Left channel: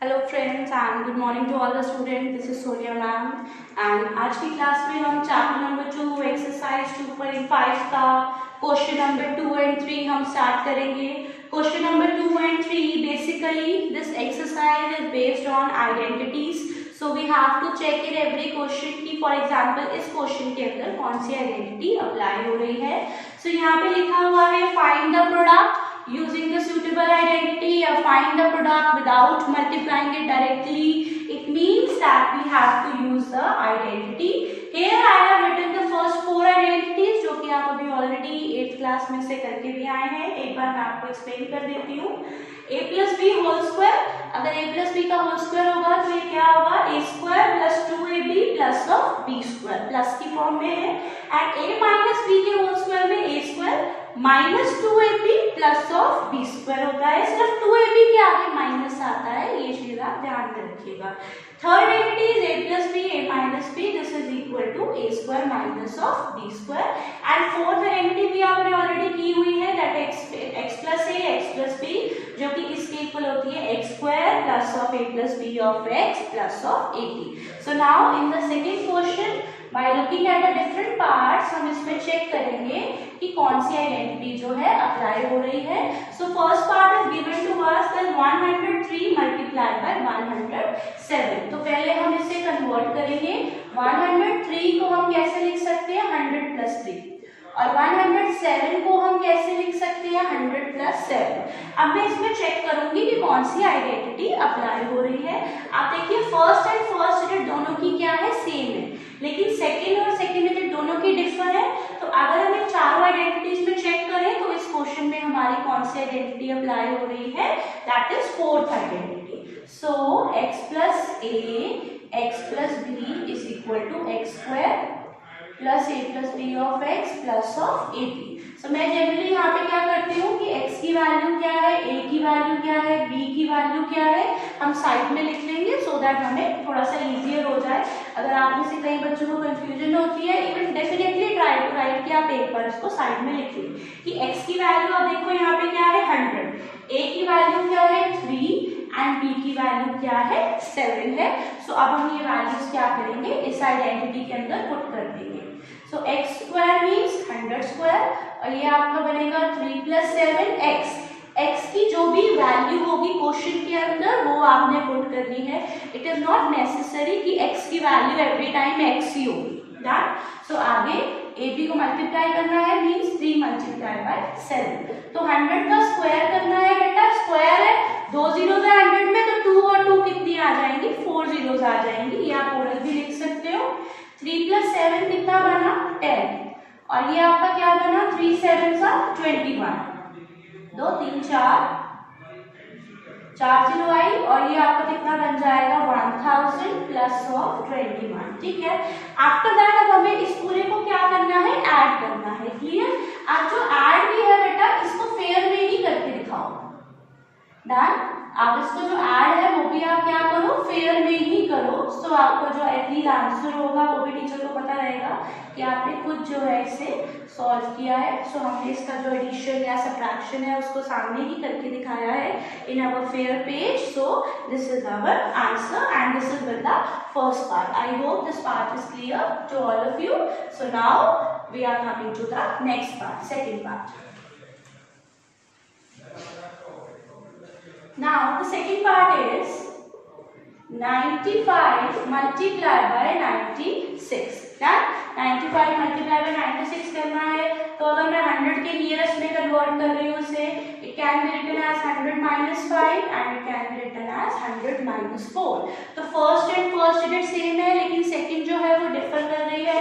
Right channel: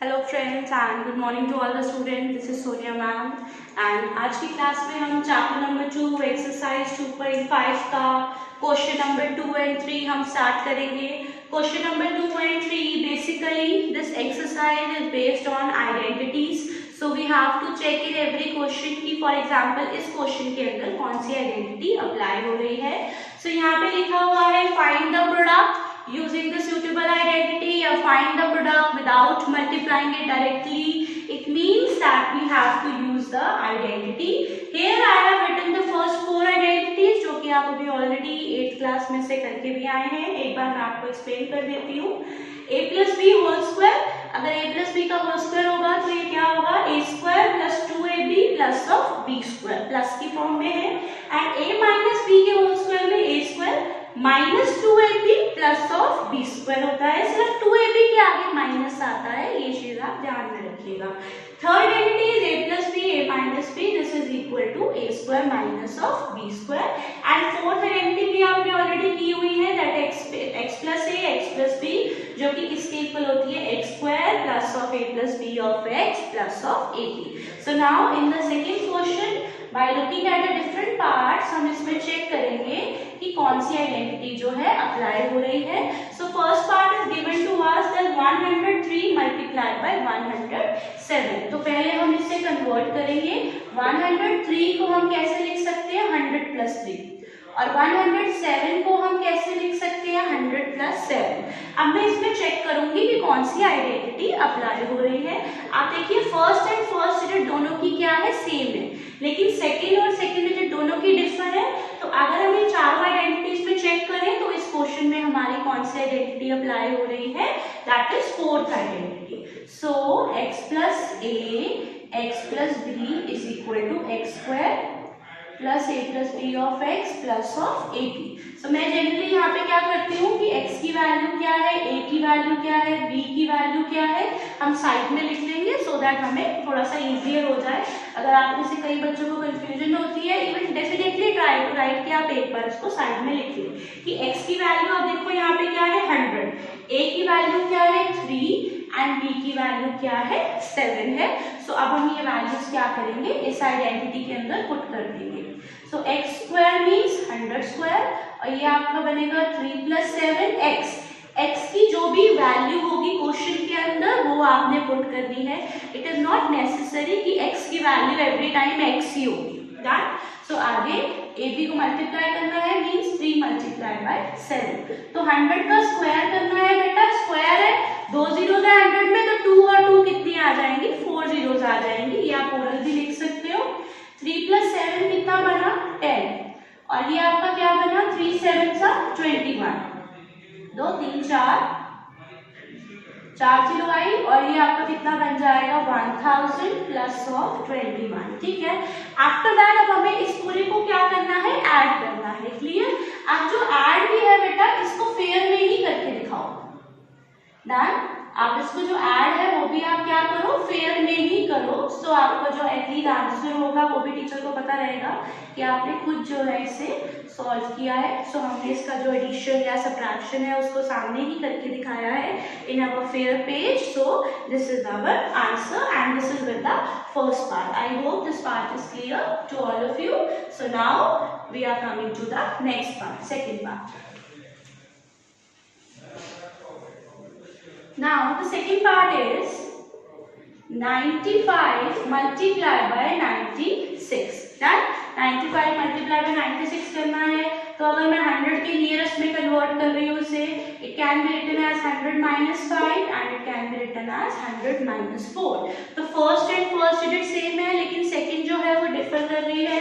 Hello friends and good morning to all the student. This is Sonia ma'am and आज की class में हम chapter number 2 exercise 2.5 का question number 2 and 3 हम start करेंगे। Question number 2 and 3 basically this exercise is based on identities, so we have to check in every question की for example इस question के अंदर कौन सी आइडेंटिटी अप्लाई हो रही है। सो यहाँ पे लिखा हुआ है find the product using the suitable identity or find the product without multiplying it directly. It means that we have to use the identity. Here I have written the first 4 identities जो कि आप अभी already 8th class में से करके भी आए हैं। एक बार मैं आपको एक्सप्लेन कर देती हूँ। a plus b whole square, अगर a plus b का होल स्क्वायर होगा तो ये क्या होगा a square plus 2ab plus of b square, plus की फॉर्म में है। एंड a माइनस b के होल स्क्वायर में a square minus 2ab plus of b square होता है। सिर्फ 2ab के आगे माइनस आता है, ये चीज आप ध्यान में रखिएगा। Third identity is a plus b a minus b, this is equal to a square minus of b square. And fourth identity भी आपने ऑलरेडी की हुई है, that x plus a x plus b, जो कि इसके इक्वल होती है x square plus of a plus b of x plus of ab। So now in the second question by looking at the different parts हम इसमें check करेंगे कि कौन सी आइडेंटिटी जो है अप्लाई हो रही है। So first part is given to us that 103 multiplied by 107। तो पहले हम इसे कन्वर्ट करेंगे। 103 को हम कैसे लिख सकते हैं 100 प्लस 3, और 107 को हम कैसे लिख सकते हैं 100 प्लस 7। अब मैं इसमें चेक करूंगी कि कौन सी आइडेंटिटी अप्लाई हो रही है। आप देखिए फर्स्ट एंड फर्स्ट डिजिट दोनों की क्या है सेम है, लेकिन सेकंड और सेकंड डिजिट दोनों की डिफर है। तो अगर हम इन चारों आइडेंटिटीज में चेक करें तो इस क्वेश्चन में हमारी कौन सी आइडेंटिटी अप्लाई हो रही है, that is fourth identity. So x plus a x plus b is equal to x square plus a plus b of x plus of ab। So मैं जनरली यहाँ पे क्या करती हूँ कि x की वैल्यू क्या है, a की वैल्यू क्या है, b की वैल्यू क्या है, हम साइड में लिख लेंगे सो दैट हमें थोड़ा सा इजियर हो जाए। अगर आप में से कई बच्चों को कंफ्यूजन होती है, even definitely try to write कि आप एक बार इसको साइड में लिख लें कि x की वैल्यू आप देखो यहाँ पे क्या है 100, a की वैल्यू क्या है 3 एंड b की वैल्यू क्या है 7 है। सो अब हम ये वैल्यूज क्या करेंगे इस आइडेंटिटी के अंदर पुट कर देंगे। सो x स्क्वायर मीन्स 100 स्क्वायर और ये आपका बनेगा 3 प्लस 7 x की जो भी वैल्यू होगी क्वेश्चन के अंदर वो आपने पुट करनी है। इट इज नॉट नेसेसरी कि x की वैल्यू एवरी टाइम x ही होगी। डन। सो आगे ab को मल्टीप्लाई करना है मीन्स 3 मल्टीप्लाई बाय 7। तो 100 का स्क्वायर करना है बेटा, स्क्वायर है 2 जीरोस है 100 में, तो 2 और 2 कितनी आ जाएंगी 4 जीरोस आ जाएंगी। ये आप ओरल भी लिख सकते हो। 3 प्लस 7 कितना बना 10 और ये आपका क्या बना 3 7 सा 21, 2 3 4 जीरो आई और ये आपका कितना बन जाएगा 1000 प्लस ऑफ 21। ठीक है। आफ्टर दैट अब हमें इस पूरे को क्या करना है ऐड करना है। क्लियर। अब जो ऐड भी है बेटा इसको फेयर में ही करके दिखाओ। डन। आप इसको जो ऐड है वो भी आप क्या करो फेयर में ही करो। सो आपका जो एटलीस्ट आंसर होगा वो भी टीचर को पता रहेगा कि आपने खुद जो है इसे सॉल्व किया है। सो हमने इसका जो एडिशन या सब्ट्रैक्शन है उसको सामने ही करके दिखाया है in our fair page. So this is our answer and this is with the first part. I hope this part is clear to all of you. So now we are coming to the next part, second part. Now the second part is 95 multiplied by 96. Done? 95 multiplied by 96 करना है। तो अगर मैं 100 के nearest में convert कर रही हूँ उसे, it can be written as 100 minus 5 and it can be written as 100 minus 4. तो first and first digit same है लेकिन सेकंड जो है वो डिफर कर रही है।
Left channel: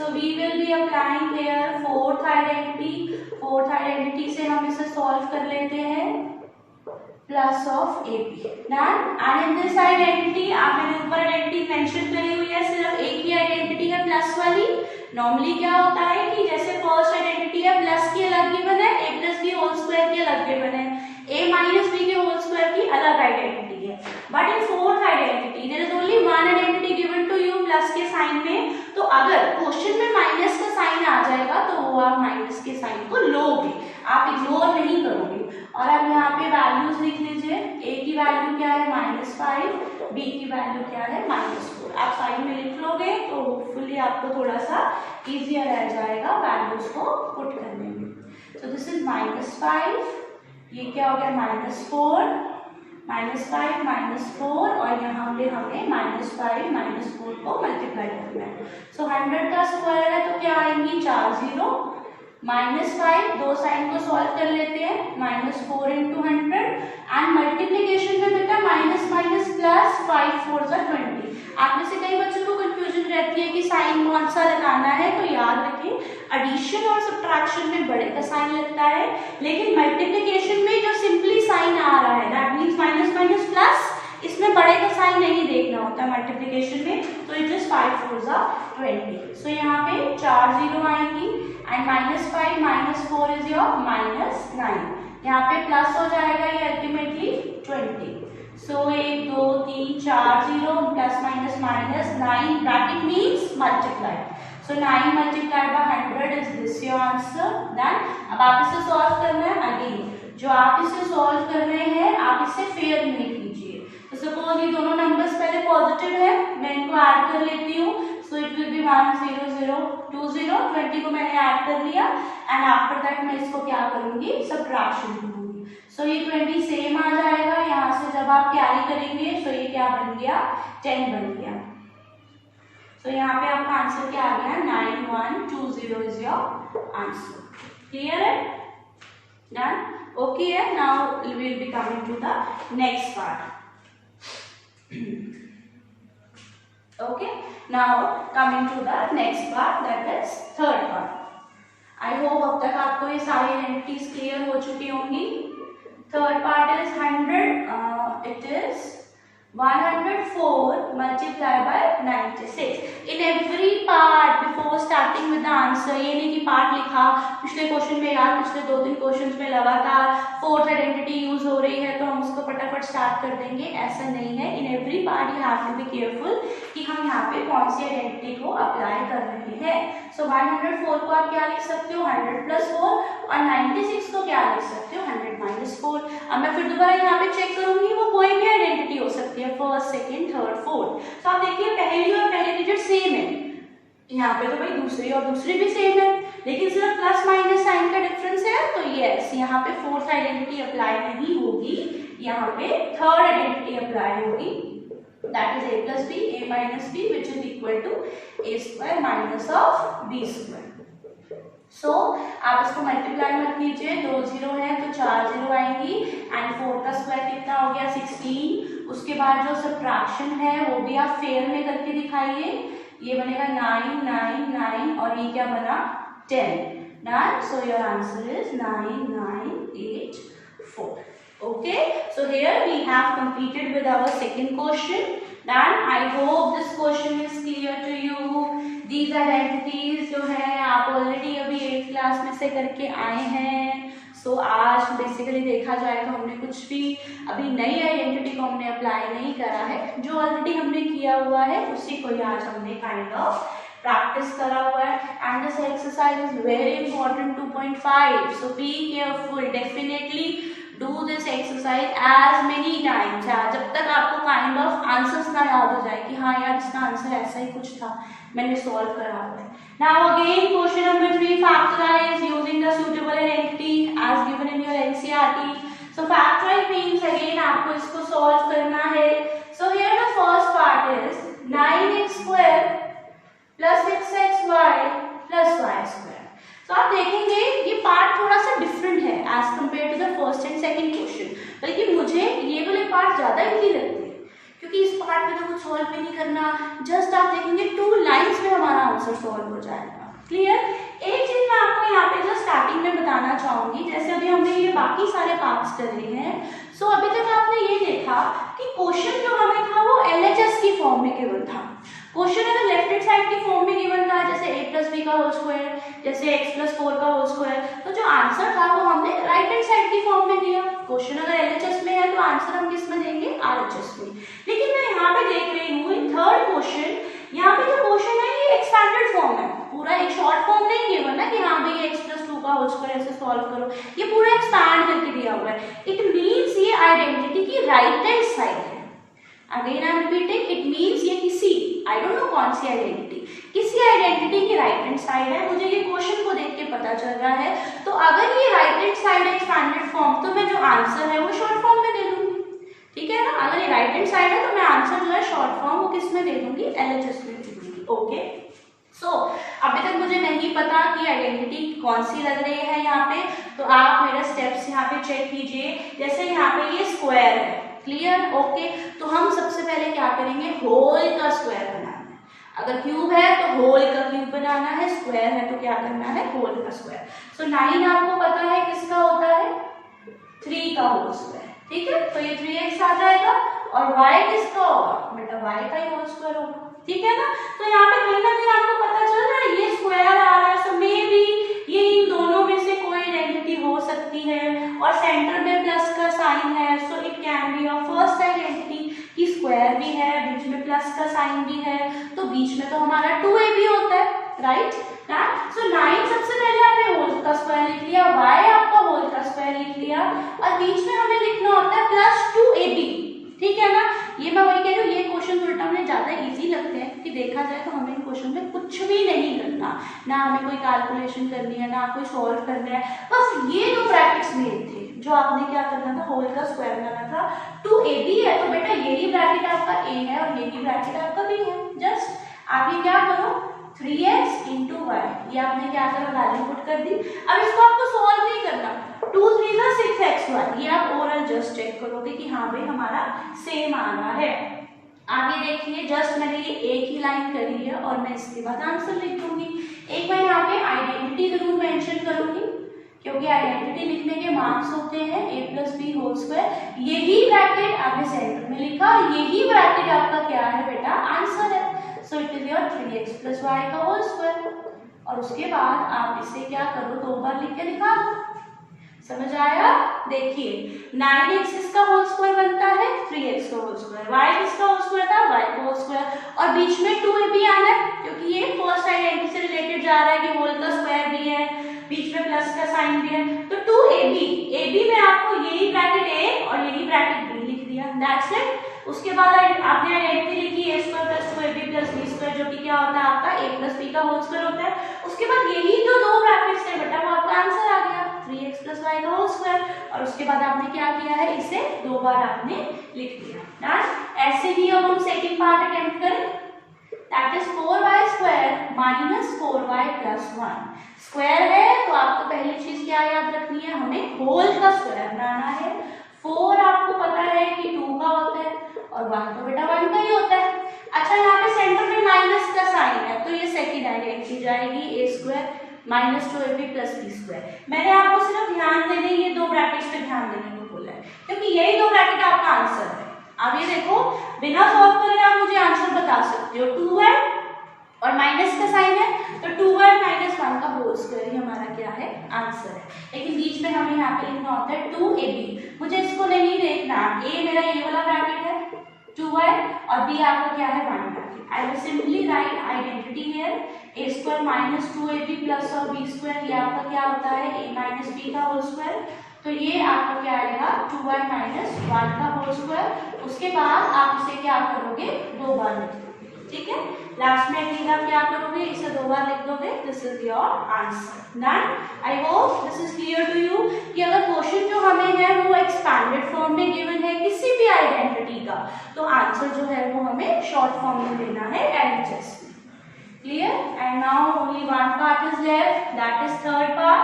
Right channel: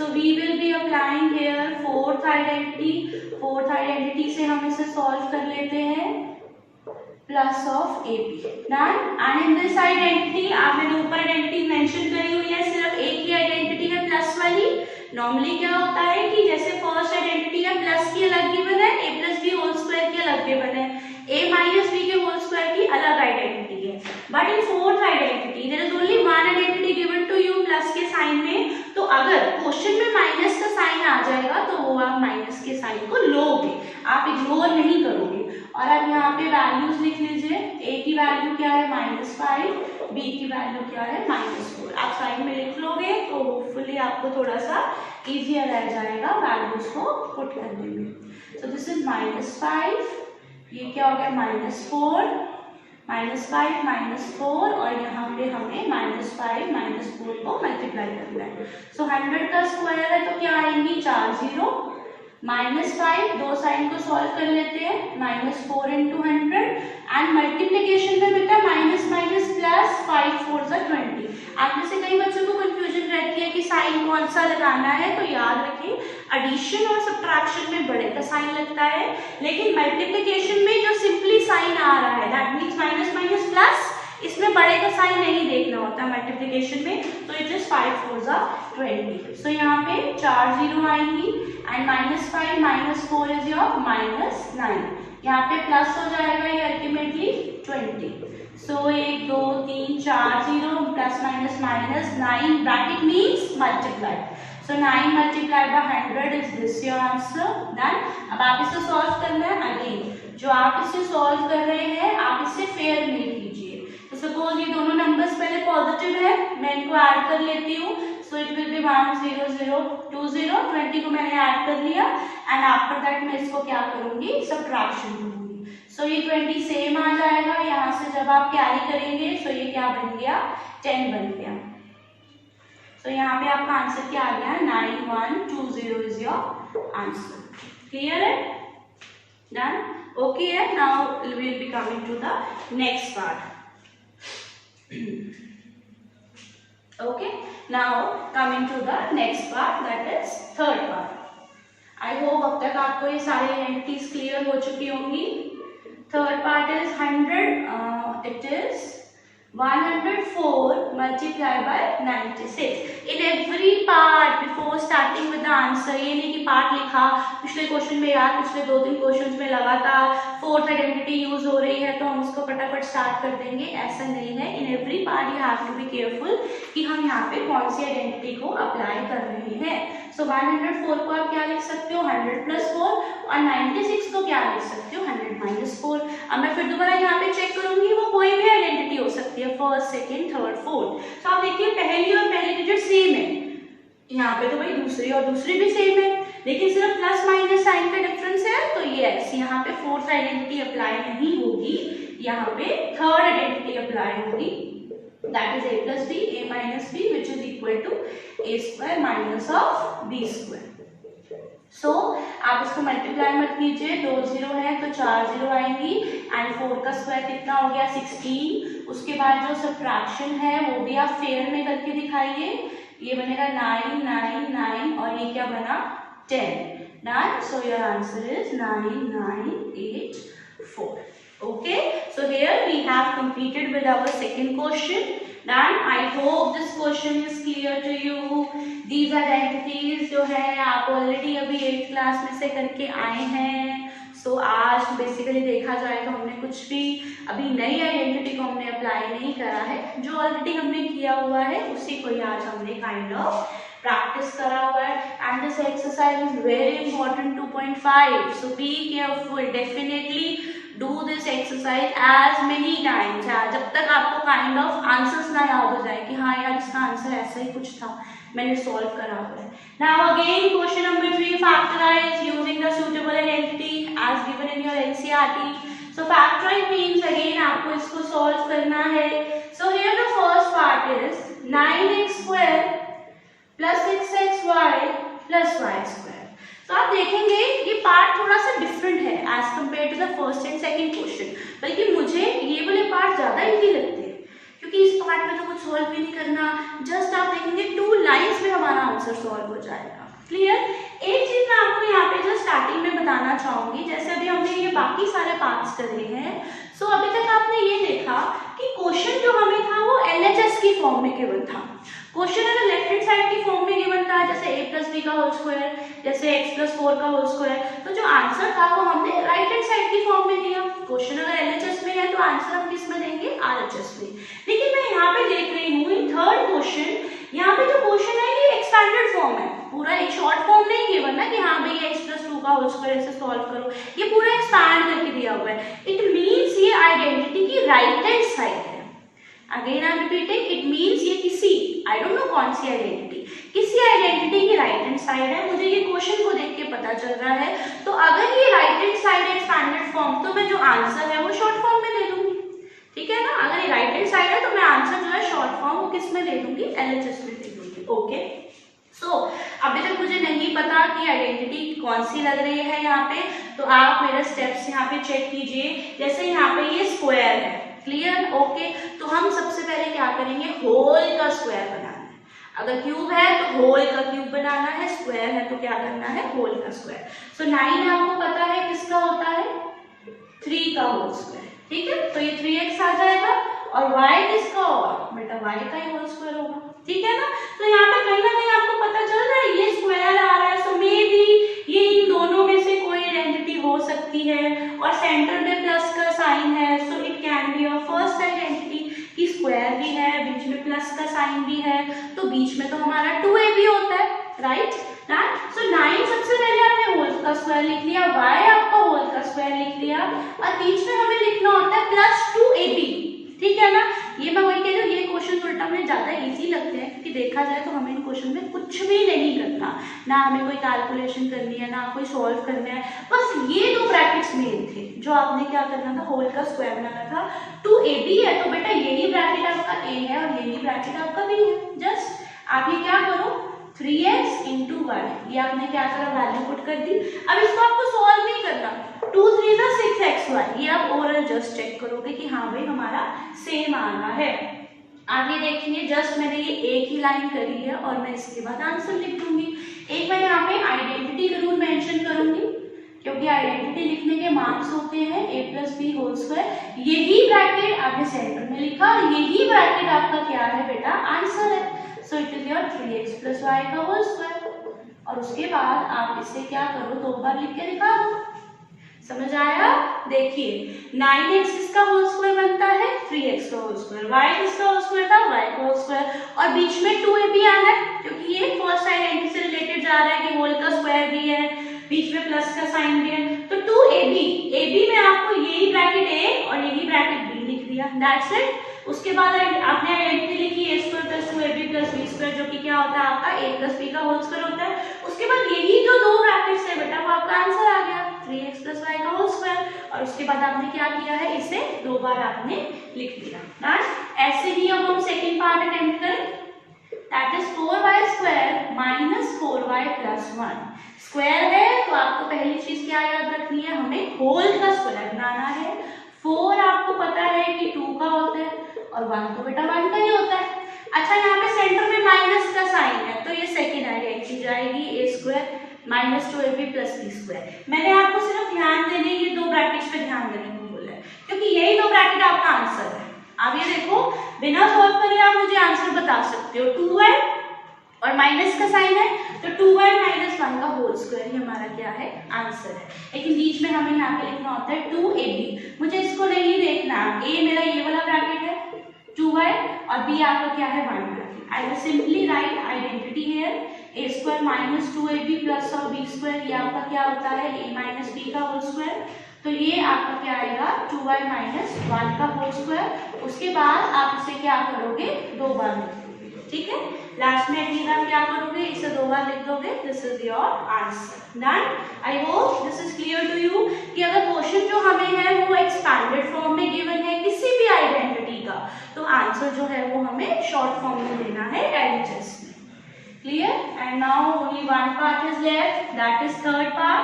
So we will be applying here fourth identity. Fourth identity से हम इसे सॉल्व कर लेते हैं plus of ab। Done. And in this identity आप मैंने ऊपर आइडेंटिटी मेंशन करी हुई है, सिर्फ एक ही आइडेंटिटी है प्लस वाली। नॉर्मली क्या होता है कि जैसे फर्स्ट आइडेंटिटी है प्लस की अलग गिवन है, a plus b whole square की अलग गिवन है, a माइनस b के होल स्क्वायर की अलग आइडेंटिटी है। But in fourth identity there is only one identity given to you plus के साइन में। तो अगर क्वेश्चन में माइनस का साइन आ जाएगा तो वो आप माइनस के साइन को लोगे, आप इग्नोर नहीं करोगे। और अब यहाँ पे वैल्यूज लिख लीजिए। a की वैल्यू क्या है -5, b की वैल्यू क्या है -4। आप साइड में लिख लोगे तो होपफुली आपको थोड़ा सा इजियर रह जाएगा वैल्यूज को पुट करने में। सो दिस इज -5, ये क्या हो गया -4, -5 और यहाँ पे हमें -5 -4 को मल्टीप्लाई करना है। सो 100 का स्क्वायर है तो क्या आएंगी 4 0, -5 दो साइन को सॉल्व कर लेते हैं, -4 × 100 एंड मल्टीप्लीकेशन में बेटा माइनस माइनस प्लस 5 4 = 20। आप में से कई बच्चों को कंफ्यूजन रहती है कि साइन कौन सा लगाना है, तो याद रखें एडिशन और सब्ट्रैक्शन में बड़े का साइन लगता है, लेकिन मल्टीप्लीकेशन में जो सिंपली साइन आ रहा है that means minus minus plus, इसमें बड़े का साइन नहीं देखना होता मल्टीप्लीकेशन में, तो इट इज 5 4 = 20। सो यहाँ पे 4 0 आएंगी एंड -5 -4 इज योर -9। यहाँ पे प्लस हो जाएगा ये ultimately 20। So 1 2 3 4 0 plus minus minus 9 bracket means multiply. So 9 multiplied by 100 is this your answer. Done. अब आप इसे सॉल्व करना है। अगेन जो आप इसे सॉल्व कर रहे हैं आप इसे फेयर में कीजिए। तो सपोज ये दोनों नंबर्स पहले पॉजिटिव है, मैं इनको ऐड कर लेती हूँ। सो इट विल बी 1 0 0 2 0, 20 को मैंने ऐड कर लिया एंड आफ्टर दैट मैं इसको क्या करूंगी सब्ट्रैक्शन करूंगी। सो ये 20 सेम आ जाएगा, यहाँ से जब आप कैरी करेंगे सो ये क्या बन गया 10 बन गया। सो यहाँ पे आपका आंसर क्या आ गया 9120 इज योर आंसर। क्लियर है? डन। ओके है। Now we will be coming to the next part. Okay, now coming to the next part, that is third part. I hope अब तक आपको ये सारी आइडेंटिटीज क्लियर हो चुकी होंगी। Third part is 100. It is 104 multiplied by 96. In every part before starting with the answer, ये नहीं कि पार्ट लिखा पिछले क्वेश्चन में यार पिछले 2-3 क्वेश्चन में लगातार फोर्थ आइडेंटिटी यूज हो रही है तो हम उसको फटाफट स्टार्ट कर देंगे, ऐसा नहीं है। In every part you have to be careful कि हम यहाँ पे कौन सी आइडेंटिटी को अप्लाई कर रहे हैं। सो 104 को आप क्या लिख सकते हो 100 + 4 और 96 को क्या लिख सकते हो 100 - 4। अब मैं फिर दोबारा यहाँ पे चेक करूंगी, वो कोई भी आइडेंटिटी हो सकती है, फर्स्ट सेकंड थर्ड फोर्थ। तो आप देखिए पहली और पहली डिजिट सेम है, यहाँ पे तो भाई दूसरी और दूसरी भी सेम है, लेकिन सिर्फ प्लस माइनस साइन का डिफरेंस है। तो यस यहाँ पे फोर्थ आइडेंटिटी अप्लाई नहीं होगी, यहाँ पे थर्ड आइडेंटिटी अप्लाई होगी, that is a + b, a - b which is equal to a² - b²। सो आप इसको मल्टीप्लाई मत कीजिए, 2 0 है तो 4 0 आएंगी एंड 4 का स्क्वायर कितना हो गया 16। उसके बाद जो सब्ट्रैक्शन है वो भी आप फेयर में करके दिखाइए, ये बनेगा 9 9 9 और ये क्या बना 10। Done. So your answer is 9984। Okay, so here we have completed with our second question. Done. I hope this question is clear to you. These identities जो है आप ऑलरेडी अभी 8th क्लास में से करके आए हैं। सो आज बेसिकली देखा जाए तो हमने कुछ भी अभी नई आइडेंटिटी को हमने अप्लाई नहीं करा है, जो ऑलरेडी हमने किया हुआ है उसी को ही आज हमने काइंड ऑफ प्रैक्टिस करा हुआ है। And this exercise is very important 2.5, so be careful, definitely do this exercise as many times जब तक आपको काइंड ऑफ आंसर्स ना याद हो जाए कि हाँ यार इसका आंसर ऐसा ही कुछ था, मैंने सॉल्व करा हुआ है। Now again question number 3, factorise using the suitable identity as given in your NCERT. So factorise means again आपको इसको सॉल्व करना है। So here the first part is 9x² + 6xy + y²। तो आप देखेंगे ये पार्ट थोड़ा सा डिफरेंट है as compare to the first and second question, बल्कि मुझे ये वाले पार्ट ज्यादा इजी लगते हैं क्योंकि इस पार्ट में तो कुछ सॉल्व भी नहीं करना, जस्ट आप देखेंगे 2 लाइंस में हमारा आंसर सॉल्व हो जाएगा। क्लियर? एक चीज मैं आपको यहाँ पे जो स्टार्टिंग में बताना चाहूंगी, जैसे अभी हमने ये बाकी सारे पार्ट्स कर लिए हैं, सो अभी तक आपने ये देखा कि क्वेश्चन जो हमें था वो LHS की फॉर्म में गिवन था। क्वेश्चन अगर लेफ्ट हैंड साइड की फॉर्म में गिवन था जैसे a + b का होल स्क्वायर, जैसे x + 4 का होल स्क्वायर, तो जो आंसर था वो हमने राइट हैंड साइड की फॉर्म में दिया। क्वेश्चन अगर LHS में है तो आंसर हम किस में देंगे RHS में। लेकिन मैं यहाँ पे देख रही हूँ थर्ड क्वेश्चन, यहाँ पे जो क्वेश्चन है ये एक्सपैंडेड फॉर्म है, पूरा एक शॉर्ट फॉर्म नहीं गिवन है कि हाँ भाई x + 2 का होल स्क्वायर ऐसे सॉल्व करो, ये पूरा एक्सपैंड करके दिया हुआ है। इट मीन्स ये आइडेंटिटी की राइट हैंड साइड है। Again I am repeating, it means ये किसी, आई डोंट नो कौन सी आइडेंटिटी, किसी आइडेंटिटी की राइट हैंड साइड है। मुझे ये क्वेश्चन को देख के पता चल रहा है, तो अगर ये राइट हैंड साइड है एक्सपैंडेड फॉर्म, तो मैं जो आंसर है वो शॉर्ट फॉर्म में दे दूंगी, ठीक है ना। अगर ये राइट हैंड साइड है तो मैं आंसर जो है शॉर्ट फॉर्म वो किस में दे दूंगी, LHS में दे दूंगी। ओके, सो अभी तक मुझे नहीं पता कि आइडेंटिटी कौन सी लग रही है यहाँ पे, तो आप मेरा स्टेप्स यहाँ पे चेक कीजिए। जैसे यहाँ पे ये स्क्वायर है, क्लियर, ओके, तो हम सबसे पहले क्या करेंगे, होल का स्क्वायर बनाना है। अगर क्यूब है तो होल का क्यूब बनाना है, स्क्वायर है तो क्या करना है, होल का स्क्वायर। सो 9 आपको पता है किसका होता है, 3 का होल स्क्वायर, ठीक है, तो ये 3x आ जाएगा, और y किसका होगा, बेटा y का ही होल स्क्वायर होगा, ठीक है ना। तो यहाँ पे कहीं ना कहीं आपको पता चल रहा है ये स्क्वायर आ रहा है, सो मे बी ये इन दोनों में से कोई आइडेंटिटी हो सकती है, और सेंटर में प्लस का साइन है, so it can be a first identity कि स्क्वायर भी है, बीच में प्लस का साइन भी है, तो बीच में तो हमारा 2ab होता है, राइट ना। सो 9 सबसे पहले आपने होल का स्क्वायर लिख लिया, y आपका होल का स्क्वायर लिख लिया, और बीच में हमें लिखना होता है प्लस 2ab, ठीक है ना। ये मैं वही कह रही हूँ, ये क्वेश्चन उल्टा में ज्यादा इजी लगते हैं, क्योंकि देखा जाए तो हमें इन क्वेश्चन में कुछ भी नहीं करना, ना हमें कोई कैलकुलेशन करनी है, ना कोई सॉल्व करना है, बस ये 2 ब्रैकेट्स मेन थे जो आपने क्या करना था, होल का स्क्वायर बनाना था। 2ab है तो बेटा यही ब्रैकेट आपका a है और यही ब्रैकेट आपका b है। जस्ट आप ये क्या करो, 3x into y, ये आपने क्या करा, वैल्यू पुट कर दी। अब इसको आपको सॉल्व नहीं करना, 2 3 6xy, ये आप ओरल जस्ट चेक करोगे कि हाँ भाई हमारा सेम आ रहा है। आगे देखिए, जस्ट मैंने ये एक ही लाइन करी है और मैं इसके बाद आंसर लिख दूंगी। एक मैं यहाँ पे आइडेंटिटी जरूर मेंशन करूंगी, क्योंकि आइडेंटिटी लिखने के मार्क्स होते हैं a + b होल स्क्वायर। यही ब्रैकेट आपने सेंटर में लिखा, यही ब्रैकेट आपका क्या है बेटा, आंसर है। So it is your 3x + y का होल स्क्वायर, और उसके बाद आप इसे क्या करो, 2 बार लिख के दिखा दो। समझ आया? देखिए 9x इसका होल स्क्वायर बनता है, 3x का होल स्क्वायर, y इसका होल स्क्वायर था, y का होल स्क्वायर, और बीच में 2ab आना है, क्योंकि ये फर्स्ट आइडेंटिटी से रिलेटेड जा रहा है कि होल का स्क्वायर भी है, बीच में प्लस का साइन भी है, तो 2ab में आपको यही ब्रैकेट a और यही ब्रैकेट b लिख दिया, दैट्स इट। उसके बाद आपने आइडेंटिटी लिखी a² + 2ab + b², जो कि क्या होता है आपका a + b का होल स्क्वायर होता है। उसके बाद यही जो 2 ब्रैकेट्स है बेटा, वो आपका आंसर आ गया, 3x + y का होल स्क्वायर, और उसके बाद आपने क्या किया है, इसे 2 बार आपने लिख दिया। डन। ऐसे ही अब हम सेकंड पार्ट अटेम्प्ट करें, that is 4y² - 4y + 1। Square है तो आपको पहली चीज क्या याद रखनी है, हमें होल का स्क्वायर बनाना है। 4 आपको पता है कि 2 का होता है, और 1 तो बेटा 1 का ही होता है। अच्छा, यहाँ पे सेंटर में माइनस का साइन है, तो ये सेकंड आइडेंटिटी जाएगी, a² - 2ab + b²। मैंने आपको सिर्फ ध्यान देने, ये 2 ब्रैकेट्स पे ध्यान देने को बोला है, क्योंकि यही 2 ब्रैकेट आपका आंसर है। अब ये देखो, बिना सॉल्व करे आप मुझे आंसर बता सकते हो, 2 है और माइनस का साइन है, तो 2y - 1 का होल स्क्वायर ही हमारा क्या है, आंसर है। लेकिन बीच में हमें यहाँ पे लिखना होता है 2ab, मुझे इसको नहीं देखना, a मेरा ये वाला ब्रैकेट है 2y, और b आपका क्या है, 1 bracket. I will simply write identity here, a² - 2ab + b², ये आपका क्या होता है, a - b का होल स्क्वायर, तो ये आपका क्या आएगा, 2y - 1 का होल स्क्वायर। उसके बाद आप इसे क्या करोगे, 2 बार लिख दोगे, ठीक है। लास्ट में अगली बार क्या करोगे, इसे 2 बार लिख दोगे, this is your answer. Done. I hope this is clear to you कि अगर क्वेश्चन जो हमें है वो एक्सपैंडेड फॉर्म में गिवन है किसी भी आइडेंटिटी का, तो आंसर जो है वो हमें शॉर्ट फॉर्म में देना है, LHS में। Clear? And now only 1 part is left, that is third part.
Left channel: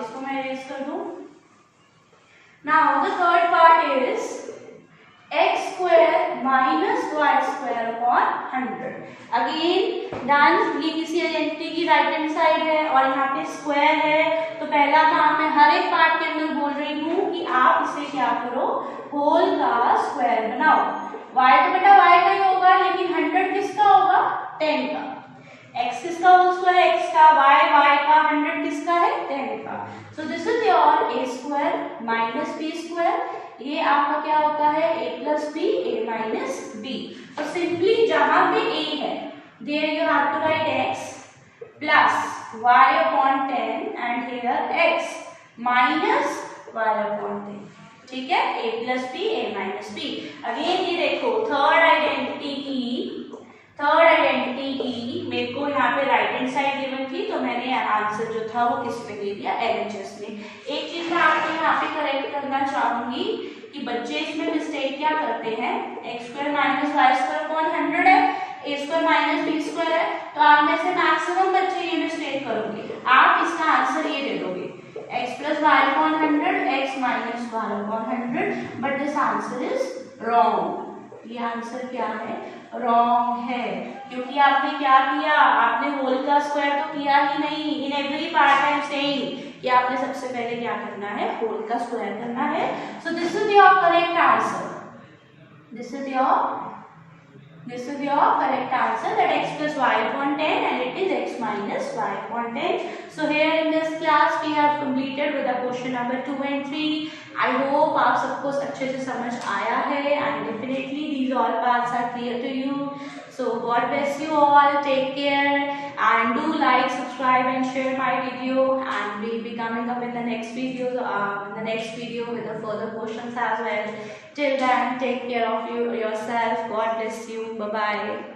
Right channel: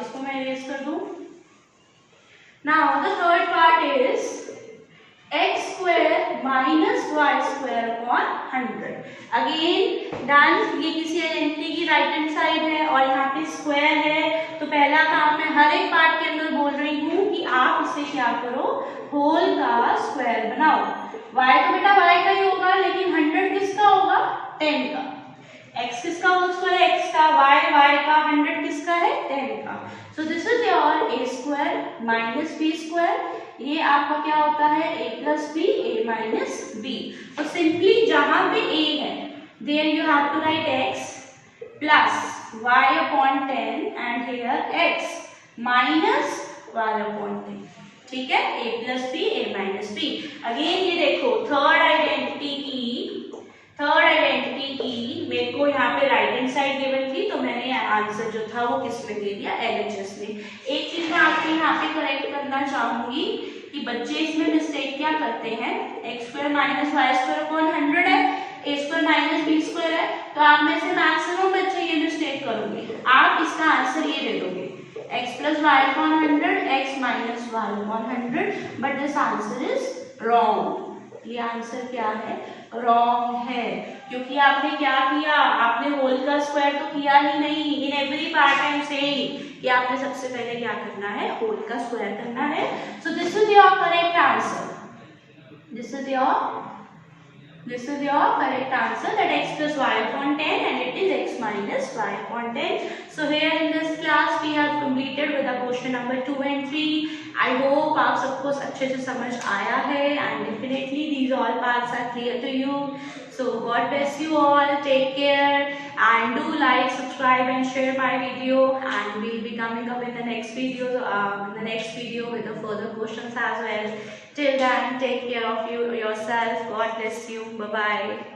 इसको मैं इरेज कर दूं। Now the third part is x² - y² upon 100। Again done, ये किसी आइडेंटिटी की राइट हैंड साइड है और यहाँ पे स्क्वायर है, तो पहला काम मैं हर एक पार्ट के अंदर बोल रही हूँ कि आप इसे क्या करो, होल का स्क्वायर बनाओ। y तो बेटा y का ही होगा, लेकिन 100 किसका होगा, 10 का। x किसका होल स्क्वायर है, x का, y का, 100 किसका है, 10 का। सो this is your a² - b²। ये आपका क्या होता है, a + b, a - b। तो सिंपली जहां पे a है, there you have to write x, plus y upon 10 and here x minus y upon 10. ठीक है, a plus b, a minus b. Again ये देखो थर्ड आइडेंटिटी की मेरे को यहाँ पे राइट हैंड साइड गिवन थी, तो मैंने आंसर जो था वो किस में दे दिया, LHS में. एक चीज मैं आपको यहाँ पे करेक्ट करना चाहूंगी कि बच्चे इसमें मिस्टेक क्या करते हैं, x square minus y square upon 100 है, a square minus b square है, तो आप में से मैक्सिमम बच्चे ये मिस्टेक करोगे. आप इसका आंसर ये दे दोगे x plus y upon 100, x minus y upon 100, but this answer is wrong. ये आंसर क्या है, रॉन्ग है, क्योंकि आपने क्या किया, आपने होल का स्क्वायर तो किया ही नहीं. इन every part I am saying कि आपने सबसे पहले क्या करना है, होल का स्क्वायर करना है. सो this is your correct answer. This is your correct answer, that x plus y upon 10 and it is x minus y upon 10. So here in this class we have completed with the question number 2 and 3. I hope आप सबको अच्छे से समझ आया है and definitely these all parts are clear to you. So God bless you all, take care and do like, subscribe and share my video, and we'll be coming up in the next video with the further questions as well. Till then, take care of yourself. God bless you. Bye bye.